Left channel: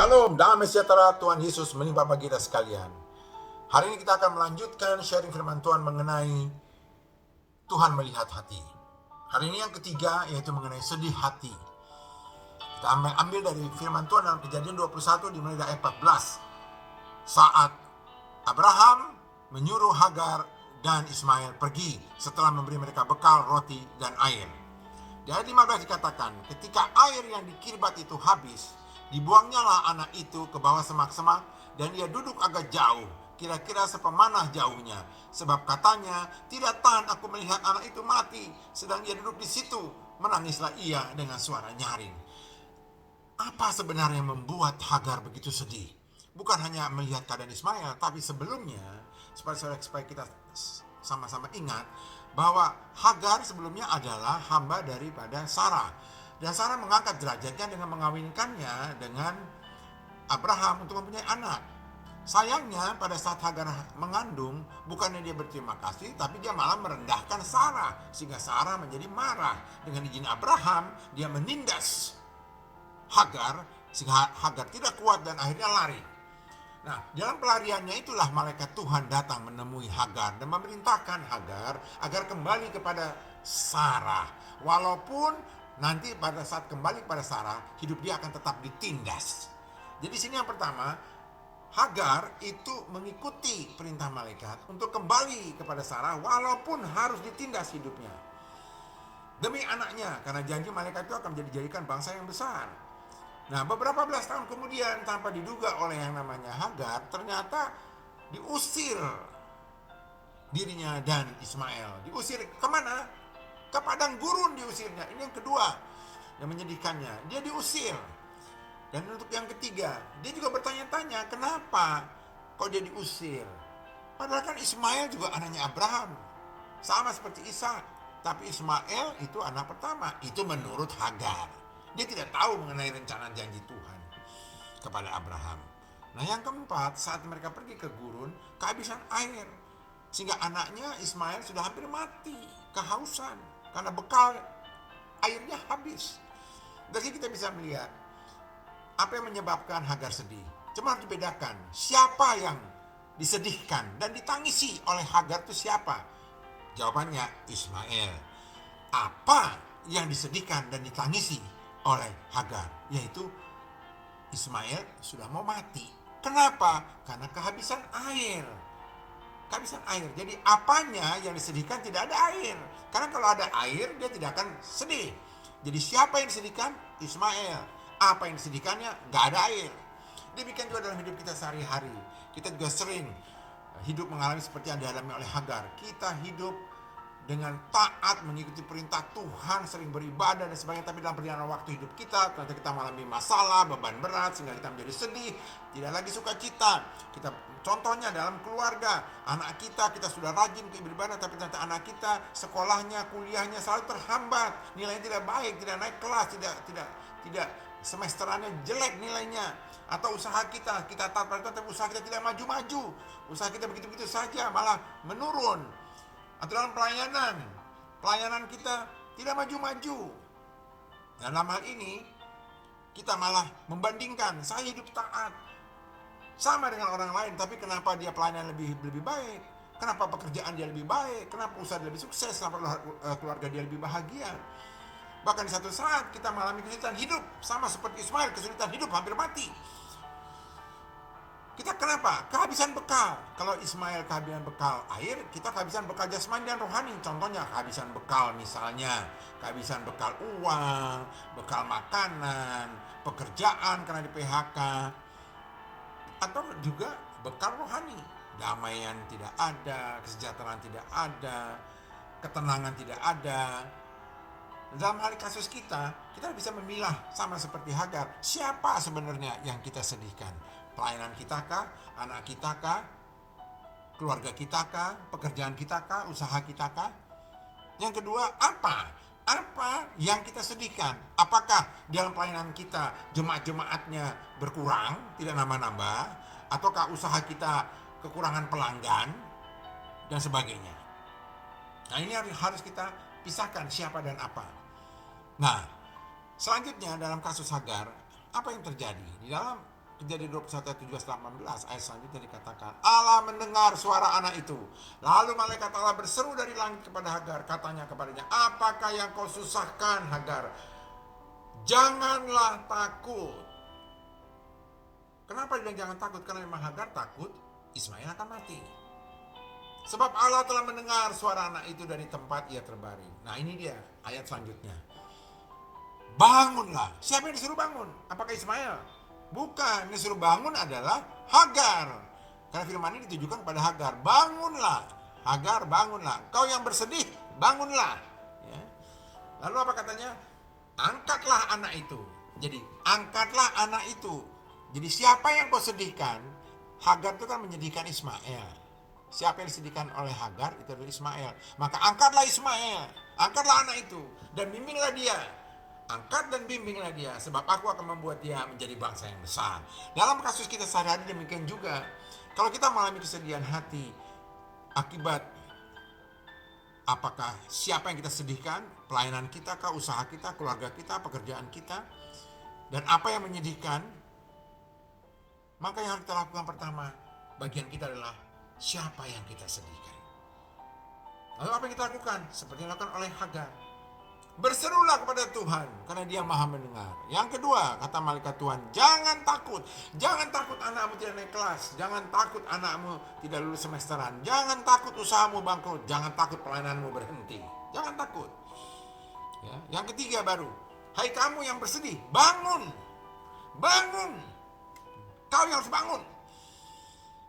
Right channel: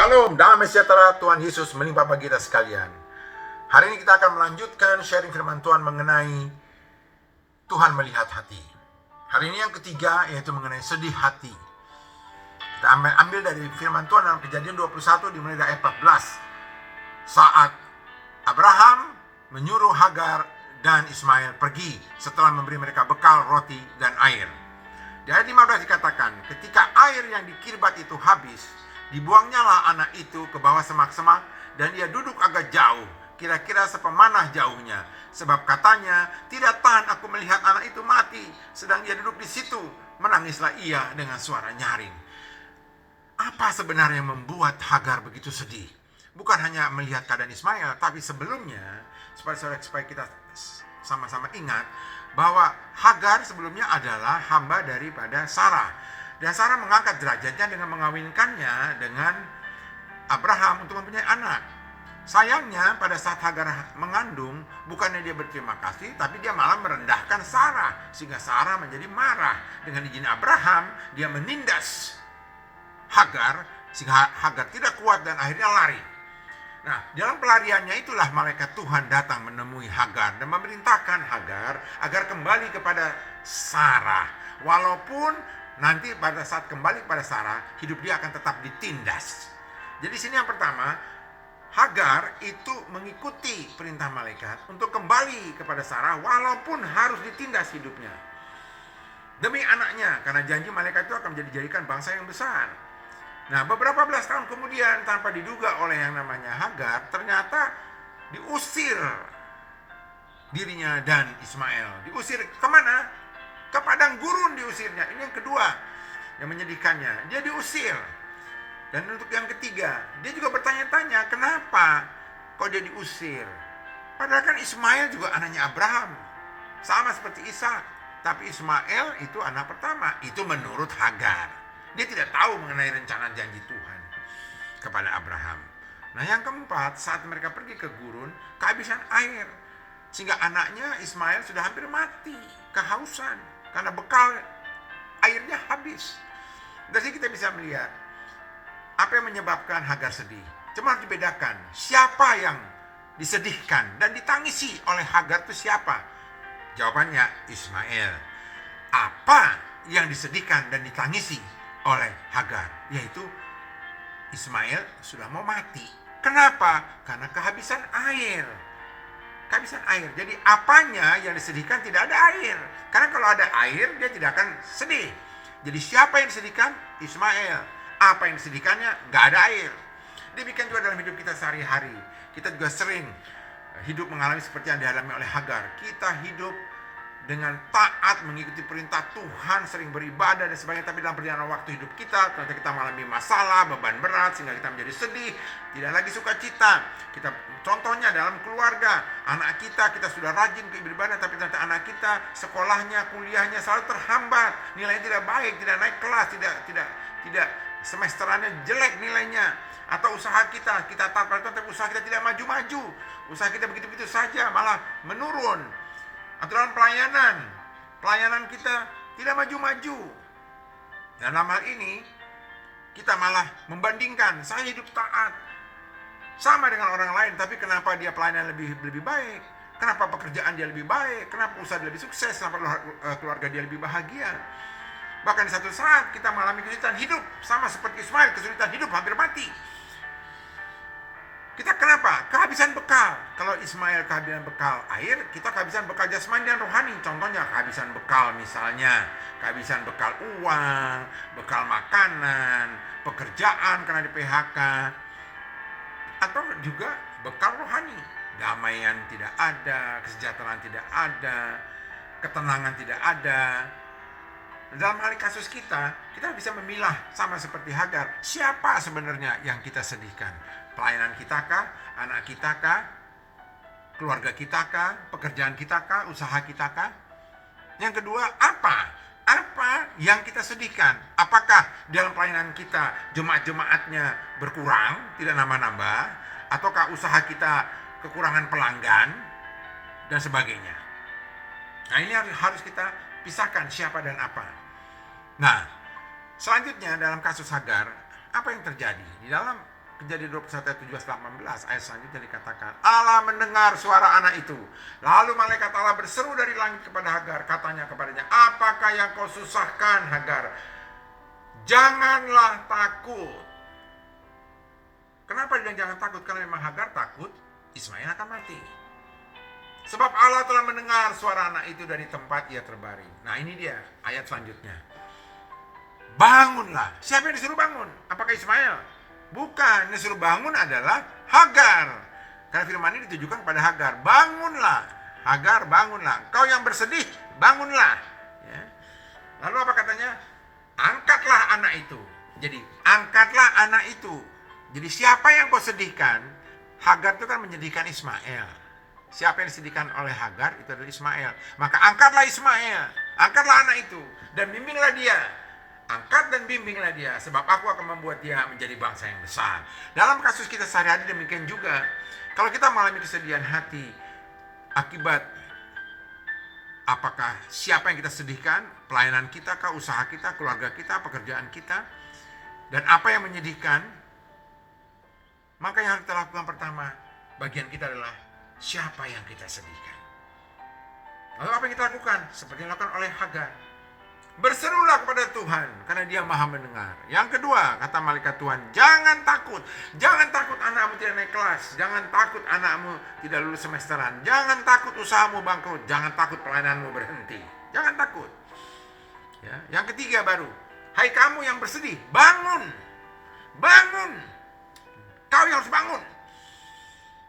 Shalom, damai sejahtera Tuhan Yesus melimpah bagi kita sekalian. Hari ini kita akan melanjutkan sharing firman Tuhan mengenai Tuhan melihat hati. Hari ini yang ketiga yaitu mengenai sedih hati. Kita ambil dari firman Tuhan dalam Kejadian 21 dimulai dari ayat 14. Saat Abraham menyuruh Hagar dan Ismail pergi setelah memberi mereka bekal roti dan air. Di ayat 15 dikatakan, ketika air yang di Kirbat itu habis, dibuangnya lah anak itu ke bawah semak-semak dan ia duduk agak jauh, kira-kira sepemanah jauhnya. Sebab katanya, tidak tahan aku melihat anak itu mati. Sedang ia duduk di situ, menangislah ia dengan suara nyaring. Apa sebenarnya yang membuat Hagar begitu sedih? Bukan hanya melihat keadaan Ismail, tapi sebelumnya, supaya kita sama-sama ingat, bahwa Hagar sebelumnya adalah hamba daripada Sarah. Dan Sarah mengangkat derajatnya dengan mengawinkannya dengan Abraham untuk mempunyai anak. Sayangnya pada saat Hagar mengandung, bukannya dia berterima kasih, tapi dia malah merendahkan Sarah. Sehingga Sarah menjadi marah. Dengan izin Abraham, dia menindas Hagar, sehingga Hagar tidak kuat dan akhirnya lari. Nah, dalam pelariannya itulah malaikat Tuhan datang menemui Hagar dan memerintahkan Hagar agar kembali kepada Sarah. Walaupun nanti pada saat kembali kepada Sarah, hidup dia akan tetap ditindas. Jadi sini yang pertama, Hagar itu mengikuti perintah malaikat untuk kembali kepada Sarah walaupun harus ditindas hidupnya. Demi anaknya, karena janji malaikat itu akan menjadikan bangsa yang besar. Nah, beberapa belas tahun kemudian tanpa diduga oleh yang namanya Hagar, ternyata diusir dirinya dan Ismail. Diusir kemana? Ke padang gurun diusirnya. Ini yang kedua yang menyedihkannya. Dia diusir. Dan untuk yang ketiga, dia juga bertanya-tanya, kenapa kok dia diusir? Padahal kan Ismail juga anaknya Abraham. Sama seperti Ishak. Tapi Ismail itu anak pertama. Itu menurut Hagar. Dia tidak tahu mengenai rencana janji Tuhan kepada Abraham. Nah, yang keempat, saat mereka pergi ke gurun, kehabisan air. Sehingga anaknya Ismail sudah hampir mati, kehausan. Karena bekal airnya habis. Dari sini kita bisa melihat apa yang menyebabkan Hagar sedih. Cuma harus dibedakan, siapa yang disedihkan dan ditangisi oleh Hagar itu siapa? Jawabannya Ismail. Apa yang disedihkan dan ditangisi oleh Hagar? Yaitu Ismail sudah mau mati. Kenapa? Karena kehabisan air. Kehabisan air. Jadi apanya yang disedihkan? Tidak ada air. Karena kalau ada air, dia tidak akan sedih. Jadi siapa yang disedihkan? Ismail. Apa yang disedihkannya? Gak ada air. Demikian juga dalam hidup kita sehari-hari. Kita juga sering hidup mengalami seperti yang dialami oleh Hagar. Kita hidup dengan taat, mengikuti perintah Tuhan, sering beribadah dan sebagainya. Tapi dalam perjalanan waktu hidup kita, ternyata kita mengalami masalah, beban berat, sehingga kita menjadi sedih, tidak lagi sukacita. Kita contohnya dalam keluarga, anak kita sudah rajin ke beribadah, tapi ternyata anak kita sekolahnya, kuliahnya selalu terhambat, nilainya tidak baik, tidak naik kelas, tidak semesterannya jelek nilainya. Atau usaha kita taat pada Tuhan, tapi usaha kita tidak maju-maju, usaha kita begitu-begitu saja, malah menurun. Atau dalam pelayanan kita tidak maju-maju. Dan dalam hal ini, kita malah membandingkan, saya hidup taat, sama dengan orang lain, tapi kenapa dia pelayanan lebih baik? Kenapa pekerjaan dia lebih baik? Kenapa usaha dia lebih sukses? Kenapa keluarga dia lebih bahagia? Bahkan di satu saat kita mengalami kesulitan hidup, sama seperti Ismail, kesulitan hidup hampir mati. Kita kenapa? Kehabisan bekal. Kalau Ismail kehabisan bekal air, kita kehabisan bekal jasmani dan rohani. Contohnya kehabisan bekal misalnya, kehabisan bekal uang, bekal makanan, pekerjaan karena di PHK. Atau juga bekal rohani. Damaian tidak ada, kesejahteraan tidak ada, ketenangan tidak ada. Dalam hal kasus kita bisa memilah sama seperti Hagar. Siapa sebenarnya yang kita sedihkan? Pelayanan kita kah? Anak kita kah? Keluarga kita kah? Pekerjaan kita kah? Usaha kita kah? Yang kedua, apa yang kita sedihkan? Apakah dalam pelayanan kita jemaat-jemaatnya berkurang, tidak nambah-nambah? Ataukah usaha kita kekurangan pelanggan? Dan sebagainya. Nah, ini harus kita pisahkan siapa dan apa. Nah, selanjutnya dalam kasus Hagar, apa yang terjadi? Di dalam Kejadian 21 ayat 17-18 ayat selanjutnya dikatakan, Allah mendengar suara anak itu. Lalu malaikat Allah berseru dari langit kepada Hagar, katanya kepadanya, apakah yang kau susahkan Hagar? Janganlah takut. Kenapa dia jangan takut? Karena memang Hagar takut Ismail akan mati. Sebab Allah telah mendengar suara anak itu dari tempat ia terbaring. Nah ini dia ayat selanjutnya. Bangunlah. Siapa yang disuruh bangun? Apakah Ismail? Bukan, yang disuruh bangun adalah Hagar. Karena firman ini ditujukan kepada Hagar. Bangunlah, Hagar bangunlah. Kau yang bersedih, bangunlah. Ya. Lalu apa katanya? Angkatlah anak itu. Jadi angkatlah anak itu. Jadi siapa yang kau sedihkan? Hagar itu kan menyedihkan Ismail. Siapa yang disedihkan oleh Hagar? Itu adalah Ismail. Maka angkatlah Ismail. Angkatlah anak itu. Dan bimbinglah dia. Angkat dan bimbinglah dia, sebab aku akan membuat dia menjadi bangsa yang besar. Dalam kasus kita sehari-hari demikian juga. Kalau kita mengalami kesedihan hati akibat apakah siapa yang kita sedihkan, pelayanan kita, usaha kita, keluarga kita, pekerjaan kita, dan apa yang menyedihkan, maka yang harus kita lakukan pertama, bagian kita adalah siapa yang kita sedihkan. Lalu apa yang kita lakukan? Seperti yang dilakukan oleh Hagar. Berserulah kepada Tuhan, karena Dia Maha mendengar. Yang kedua, kata malaikat Tuhan, jangan takut. Jangan takut anakmu tidak naik kelas. Jangan takut anakmu tidak lulus semesteran. Jangan takut usahamu bangkrut. Jangan takut pelayananmu berhenti. Jangan takut. Ya. Yang ketiga baru, hai kamu yang bersedih, bangun. Bangun. Kau yang harus bangun.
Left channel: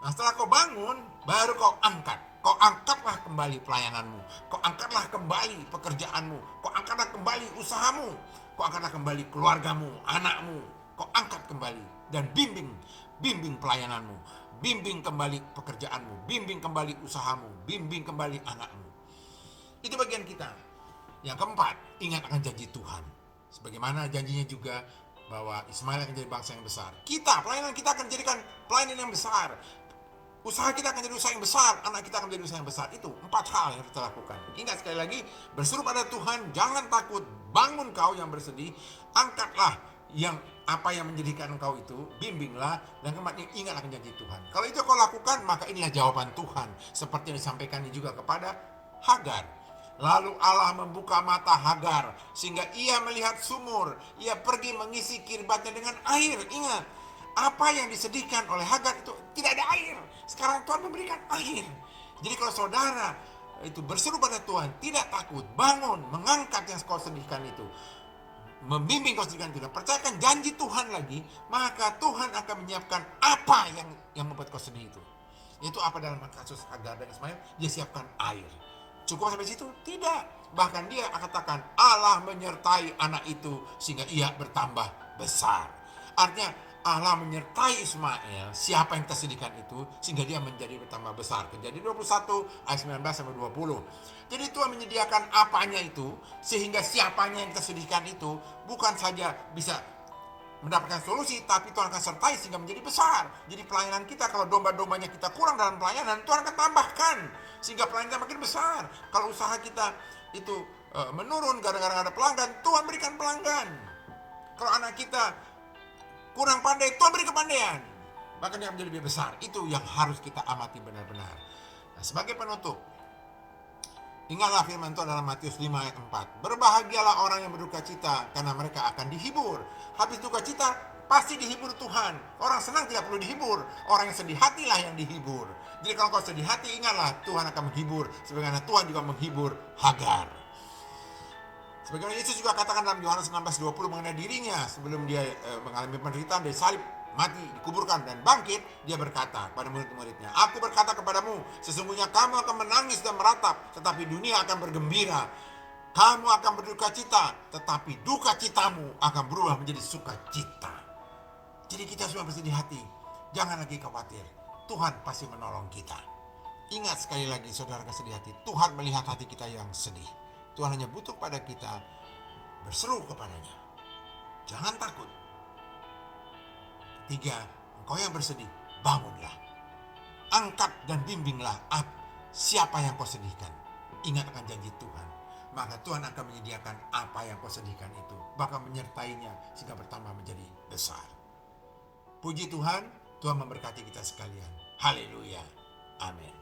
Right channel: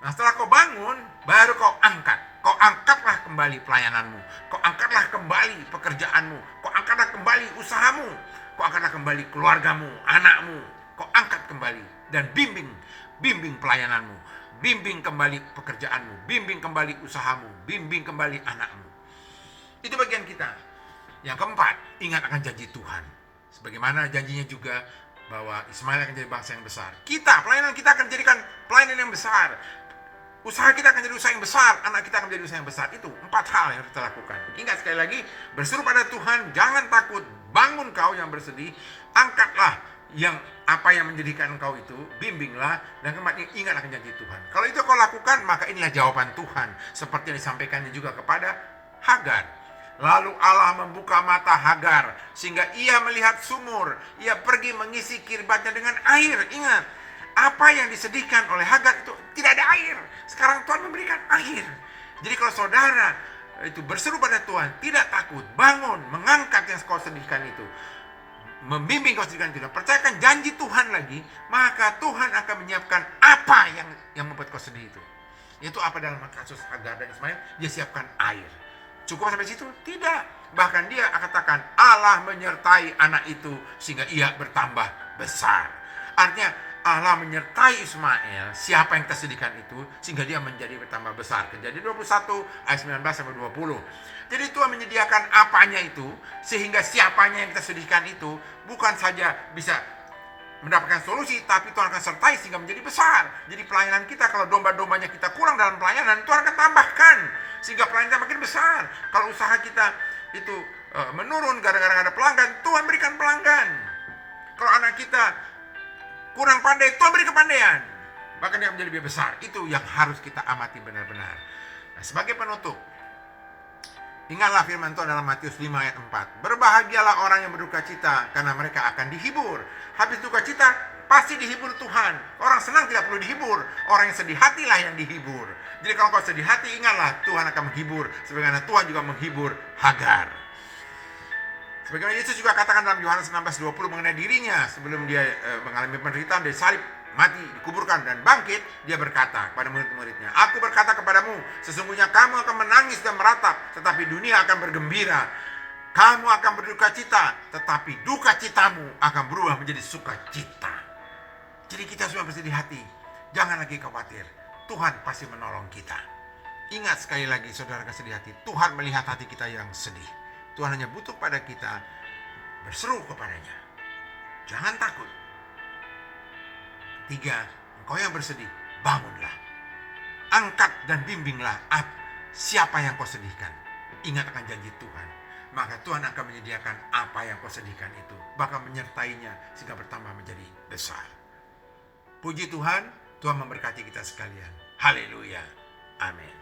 Nah setelah kau bangun, baru kau angkat. Kau angkatlah kembali pelayananmu. Kau angkatlah kembali pekerjaanmu. Kau angkatlah kembali usahamu. Kau angkatlah kembali keluargamu, anakmu. Kau angkat kembali dan bimbing pelayananmu. Bimbing kembali pekerjaanmu. Bimbing kembali usahamu. Bimbing kembali anakmu. Itu bagian kita. Yang keempat, ingat akan janji Tuhan. Sebagaimana janjinya juga bahwa Ismail akan jadi bangsa yang besar. Pelayanan kita akan jadikan pelayanan yang besar. Usaha kita akan jadi usaha yang besar, anak kita akan menjadi usaha yang besar. Itu 4 hal yang harus kita lakukan. Ingat sekali lagi, berseru pada Tuhan, jangan takut, bangun kau yang bersedih, angkatlah apa yang menjadikan engkau itu, bimbinglah, dan ingat akan janji Tuhan. Kalau itu kau lakukan, maka inilah jawaban Tuhan, seperti yang disampaikannya juga kepada Hagar. Lalu Allah membuka mata Hagar, sehingga ia melihat sumur, ia pergi mengisi kirbatnya dengan air. Ingat, apa yang disedihkan oleh Hagar itu tidak ada air. Sekarang Tuhan memberikan air. Jadi kalau saudara itu berseru pada Tuhan, tidak takut, bangun, mengangkat yang kau sedihkan itu, membimbing kau sedihkan itu, percayakan janji Tuhan lagi, maka Tuhan akan menyiapkan apa yang membuat kau sedih itu. Itu apa dalam kasus Hagar dan Ismail? Dia siapkan air. Cukup sampai situ? Tidak. Bahkan dia katakan Allah menyertai anak itu sehingga ia bertambah besar. Artinya Allah menyertai Ismail, siapa yang tersedihkan itu, sehingga dia menjadi bertambah besar. Kejadian 21 ayat 19-20. Jadi Tuhan menyediakan apanya itu, sehingga siapanya yang kita sedihkan itu, bukan saja bisa mendapatkan solusi, tapi Tuhan akan sertai sehingga menjadi besar. Jadi pelayanan kita, kalau domba-dombanya kita kurang dalam pelayanan, Tuhan akan tambahkan, sehingga pelayanan kita makin besar. Kalau usaha kita itu menurun gara-gara ada pelanggan, Tuhan berikan pelanggan. Kalau anak kita kurang pandai, Tuhan beri kepandaian. Bahkan dia menjadi lebih besar. Itu yang harus kita amati benar-benar. Nah, sebagai penutup, ingatlah firman Tuhan dalam Matius 5 ayat 4. Berbahagialah orang yang berduka cita, karena mereka akan dihibur. Habis duka cita, pasti dihibur Tuhan. Orang senang tidak perlu dihibur. Orang yang sedih hatilah yang dihibur. Jadi kalau kau sedih hati, ingatlah Tuhan akan menghibur. Sebagaimana Tuhan juga menghibur Hagar. Sebagaimana Yesus juga katakan dalam Yohanes 16:20 mengenai dirinya sebelum dia mengalami penderitaan dari salib, mati, dikuburkan dan bangkit, dia berkata kepada murid-muridnya, aku berkata kepadamu, sesungguhnya kamu akan menangis dan meratap, tetapi dunia akan bergembira. Kamu akan berduka cita, tetapi duka citamu akan berubah menjadi sukacita. Jadi kita semua bersedih hati, jangan lagi khawatir, Tuhan pasti menolong kita. Ingat sekali lagi saudara kesedih hati, Tuhan melihat hati kita yang sedih. Tuhan hanya butuh pada kita berseru kepadanya. Jangan takut. Ketiga, engkau yang bersedih, bangunlah. Angkat dan bimbinglah siapa yang kau sedihkan. Ingat akan janji Tuhan. Maka Tuhan akan menyediakan apa yang kau sedihkan itu. Bahkan menyertainya sehingga bertambah menjadi besar. Puji Tuhan, Tuhan memberkati kita sekalian. Haleluya. Amin.